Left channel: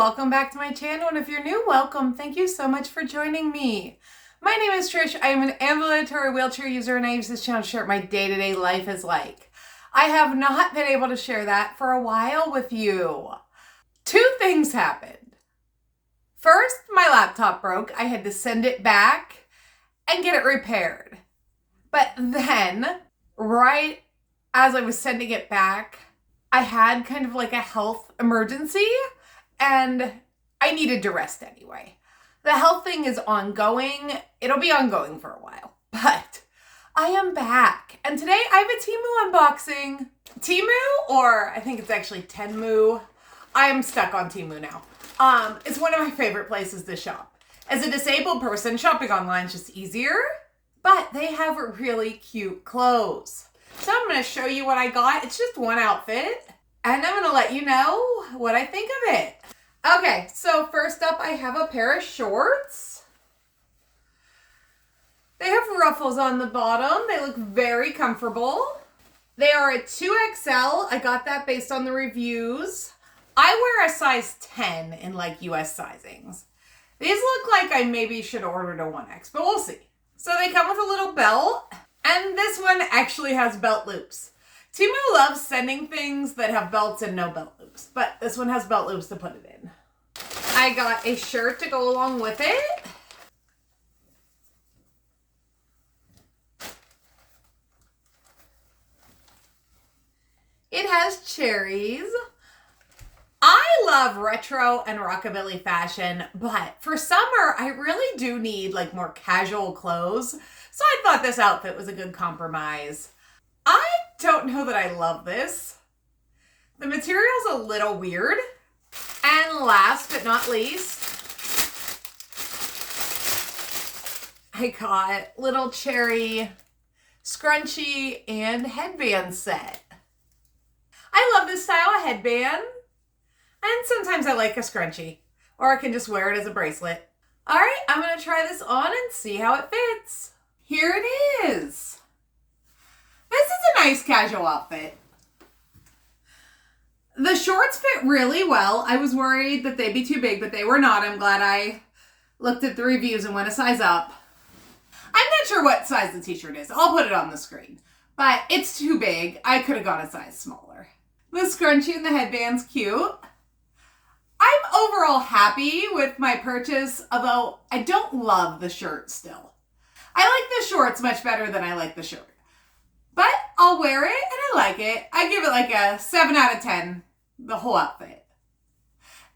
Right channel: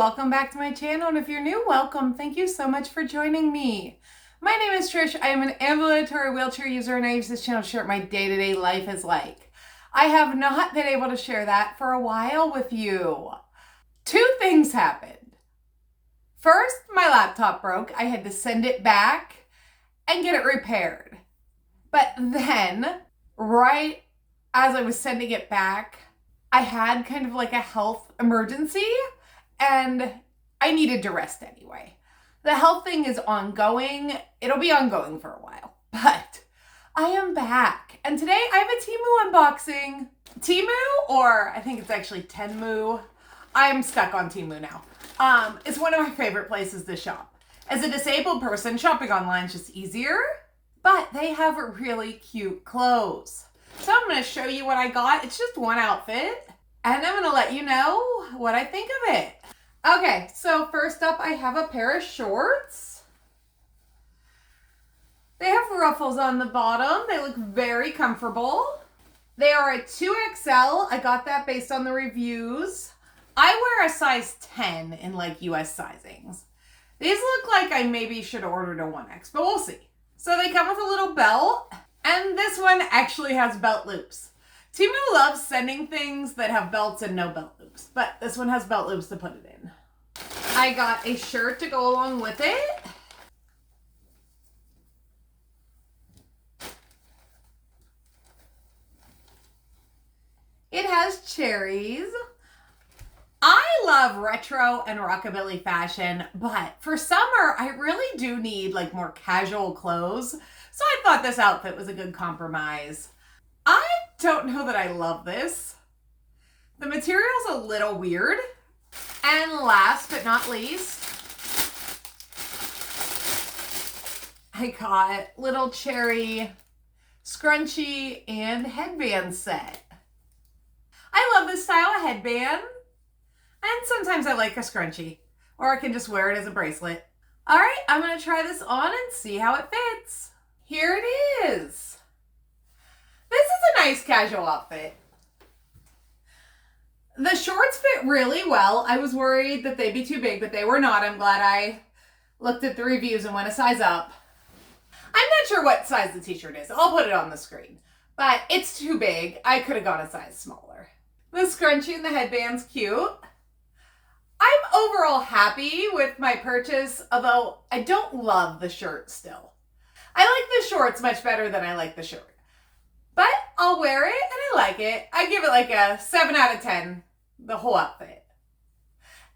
welcome back to my channel, and if you're new, welcome. Thank you so much for joining me. My name is Trish. I am an ambulatory wheelchair user, and I use this channel to share what my day-to-day life is like. I have not been able to share that for a while with you. Two things happened. First, my laptop broke. I had to send it back and get it repaired. But then, right as I was sending it back, I had kind of like a health emergency and I needed to rest anyway. The health thing is ongoing. It'll be ongoing for a while, but I am back. And today I have a TEMU unboxing. TEMU, or I think it's actually TEMU. I'm stuck on TEMU now. It's one of my favorite places to shop. As a disabled person, shopping online is just easier, but they have really cute clothes. So I'm going to show you what I got. It's just one outfit, and I'm going to let you know what I think of it. Okay, so first up, I have a pair of shorts. They have ruffles on the bottom. They look very comfortable. They are a 2XL. I got that based on the reviews. I wear a size 10 in like US sizings. These look like I maybe should have ordered a 1X, but we'll see. So they come with a little belt. And this one actually has belt loops. TEMU loves sending things that have belts and no belt loops, but this one has belt loops to put it in. I got a shirt to go along with it. It has cherries. I love retro and rockabilly fashion, but for summer, I really do need like more casual clothes. So I thought this outfit was a good compromise. I don't know that I love this. The material's a little weird. And last but not least, I got little cherry scrunchie and headband set. I love this style of headband. And sometimes I like a scrunchie, or I can just wear it as a bracelet. All right, I'm gonna try this on and see how it fits. Here it is. This is a nice casual outfit. The shorts fit really well. I was worried that they'd be too big, but they were not. I'm glad I looked at the reviews and went a size up. I'm not sure what size the t-shirt is. I'll put it on the screen, but it's too big. I could have gone a size smaller. The scrunchie and the headband's cute. I'm overall happy with my purchase, although I don't love the shirt still. I like the shorts much better than I like the shirt. But I'll wear it and I like it. I give it like a 7 out of 10, the whole outfit.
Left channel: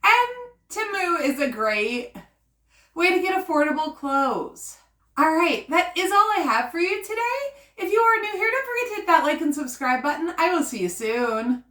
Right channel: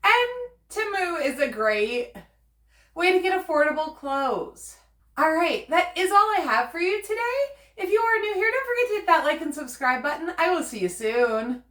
And TEMU is a great way to get affordable clothes. All right, that is all I have for you today. If you are new here, don't forget to hit that like and subscribe button. I will see you soon.